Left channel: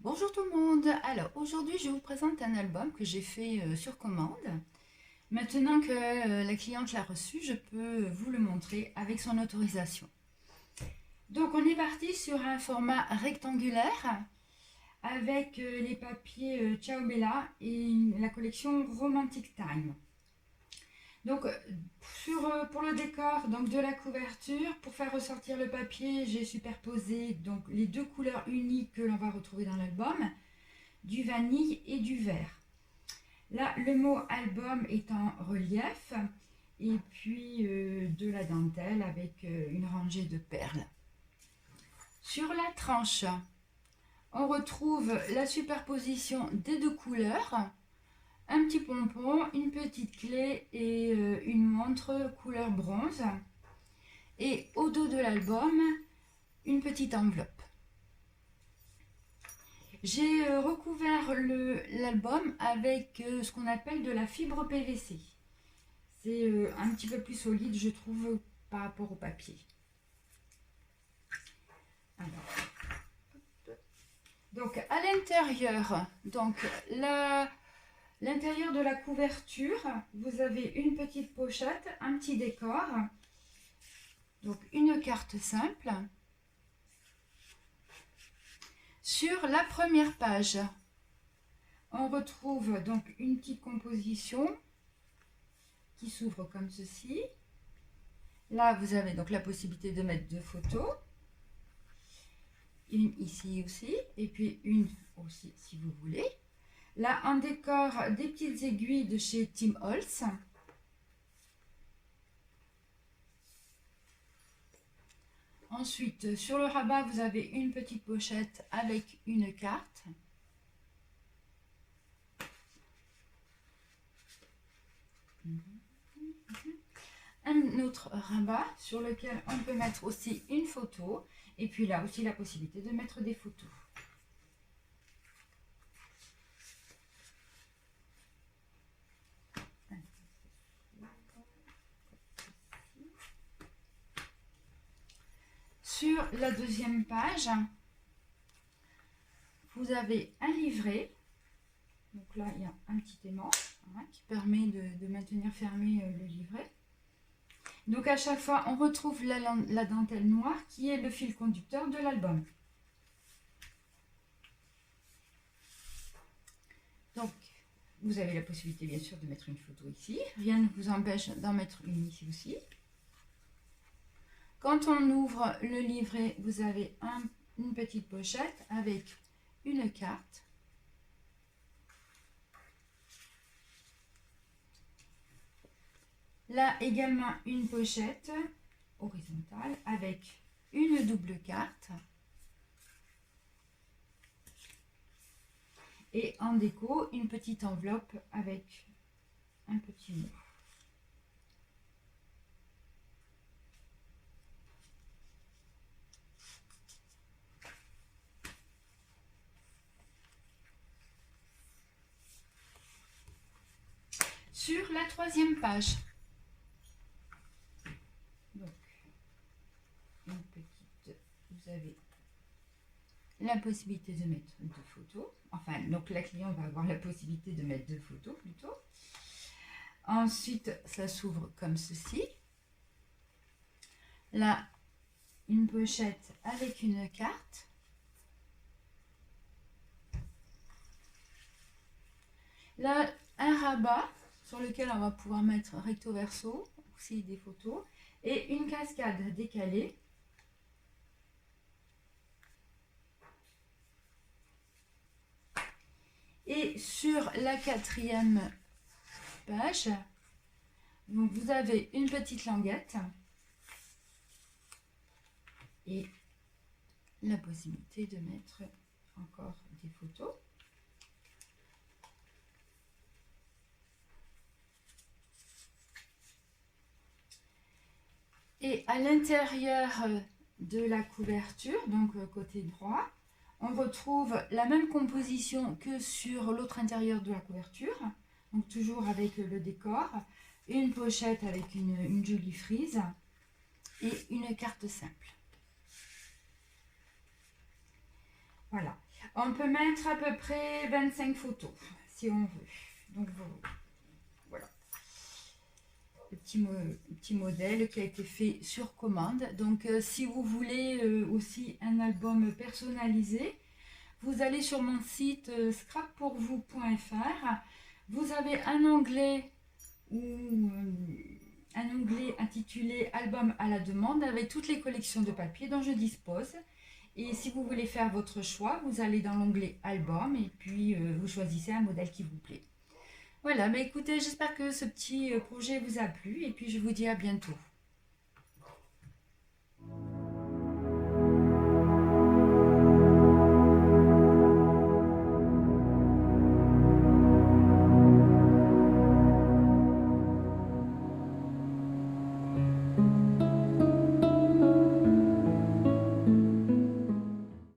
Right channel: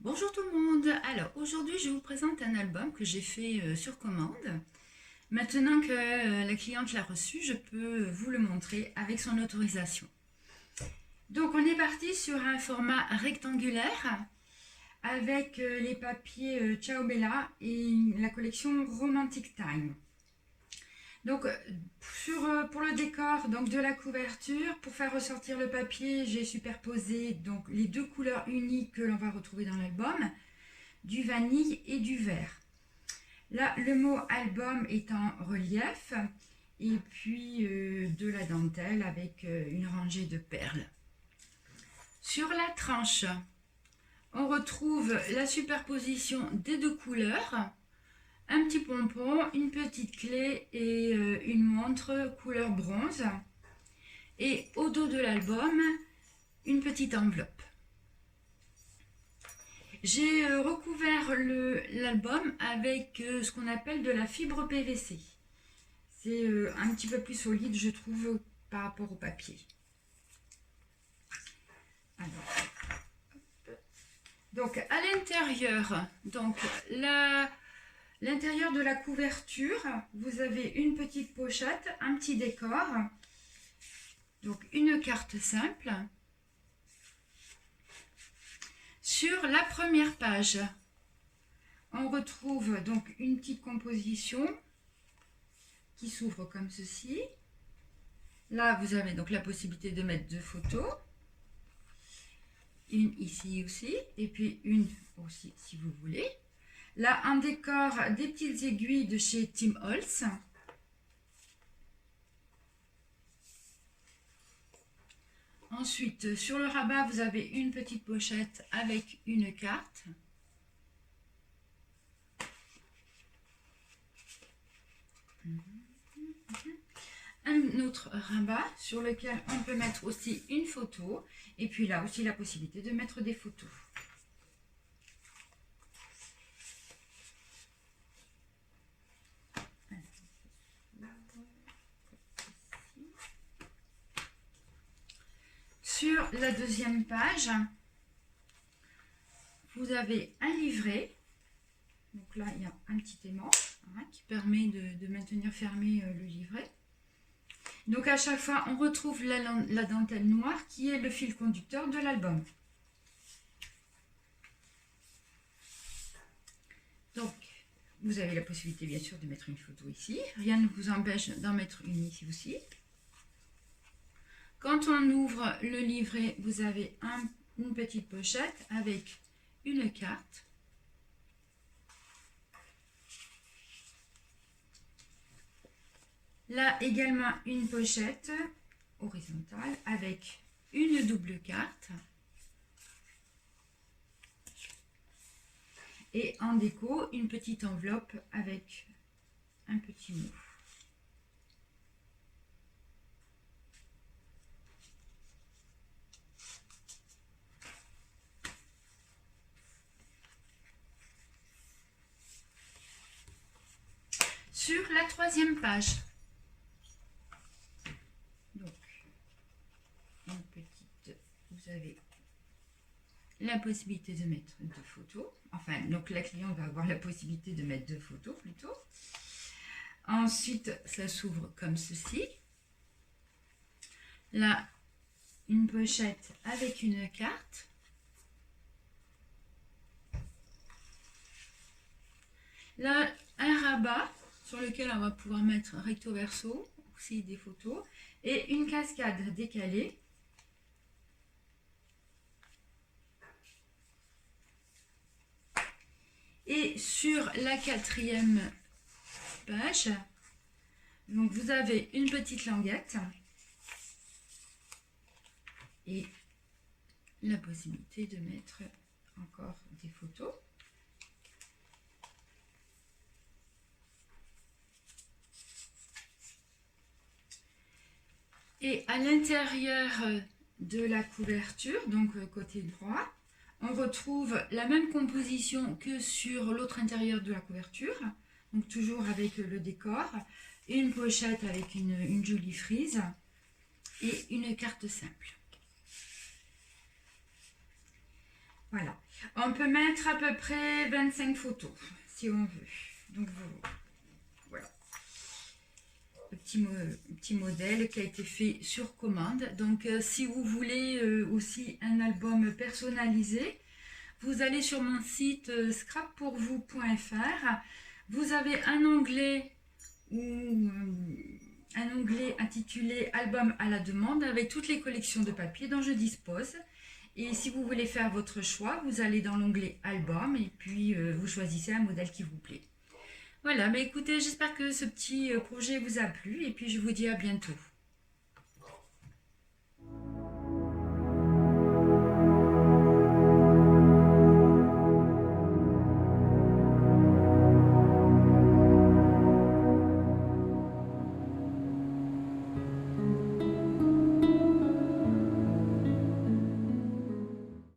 Bonjour tout le monde. Alors aujourd'hui je vous présente un album que j'ai fait sur commande. Maintenant que la cliente l'a reçu, je peux vous le montrer avec son autorisation. Donc on est parti sur un format rectangulaire avec les papiers Ciao Bella et la collection Romantic Time. Donc pour le décor donc de la couverture, pour faire ressortir le papier, j'ai superposé donc les deux couleurs uniques que l'on va retrouver dans l'album, du vanille et du vert. Là, le mot album est en relief et puis de la dentelle avec une rangée de perles. Sur la tranche, on retrouve la superposition des deux couleurs, un petit pompon, une petite clé et une montre couleur bronze. Et au dos de l'album, une petite enveloppe. J'ai recouvert l'album avec ce qu'on appelle de la fibre PVC. C'est un petit peu plus solide, je trouve, par rapport au papier. Alors, donc à l'intérieur, l'intérieur de la couverture, vous avez une petite pochette, un petit décor, donc une carte simple. Sur la première page, on retrouve donc une petite composition qui s'ouvre comme ceci. Là, vous avez donc la possibilité de mettre deux photos. Une ici aussi, et puis une aussi si vous voulez. Là, un décor, des petites aiguilles de chez Tim Holtz. Ensuite, sur le rabat, vous avez une petite pochette avec une carte. Un autre rabat sur lequel on peut mettre aussi une photo. Et puis là aussi la possibilité de mettre des photos. Sur la deuxième page, vous avez un livret. Donc là, il y a un petit aimant qui permet de maintenir fermé le livret. Donc à chaque fois, on retrouve la dentelle noire qui est le fil conducteur de l'album. Donc, vous avez la possibilité bien sûr de mettre une photo ici. Rien ne vous empêche d'en mettre une ici aussi. Quand on ouvre le livret, vous avez une petite pochette avec une carte. Là également une pochette horizontale avec une double carte. Et en déco, une petite enveloppe avec un petit mot. Sur la troisième page, donc, vous avez la possibilité de mettre deux photos. Enfin, donc la cliente va avoir la possibilité de mettre deux photos plutôt. Ensuite, ça s'ouvre comme ceci. Là, une pochette avec une carte. Là, un rabat sur lequel on va pouvoir mettre recto verso, aussi des photos, et une cascade décalée. Et sur la quatrième page, donc vous avez une petite languette et la possibilité de mettre encore des photos. Et à l'intérieur de la couverture, donc côté droit, on retrouve la même composition que sur l'autre intérieur de la couverture, donc toujours avec le décor, et une pochette avec une jolie frise et une carte simple. Voilà. On peut mettre à peu près 25 photos, si on veut. Donc, voilà. Petit modèle qui a été fait sur commande. Donc, si vous voulez aussi un album personnalisé, vous allez sur mon site scrappourvous.fr. Vous avez un onglet intitulé Album à la demande avec toutes les collections de papier dont je dispose. Et si vous voulez faire votre choix, vous allez dans l'onglet Album et puis vous choisissez un modèle qui vous plaît. Voilà, mais écoutez, j'espère que ce petit projet vous a plu et puis je vous dis à bientôt.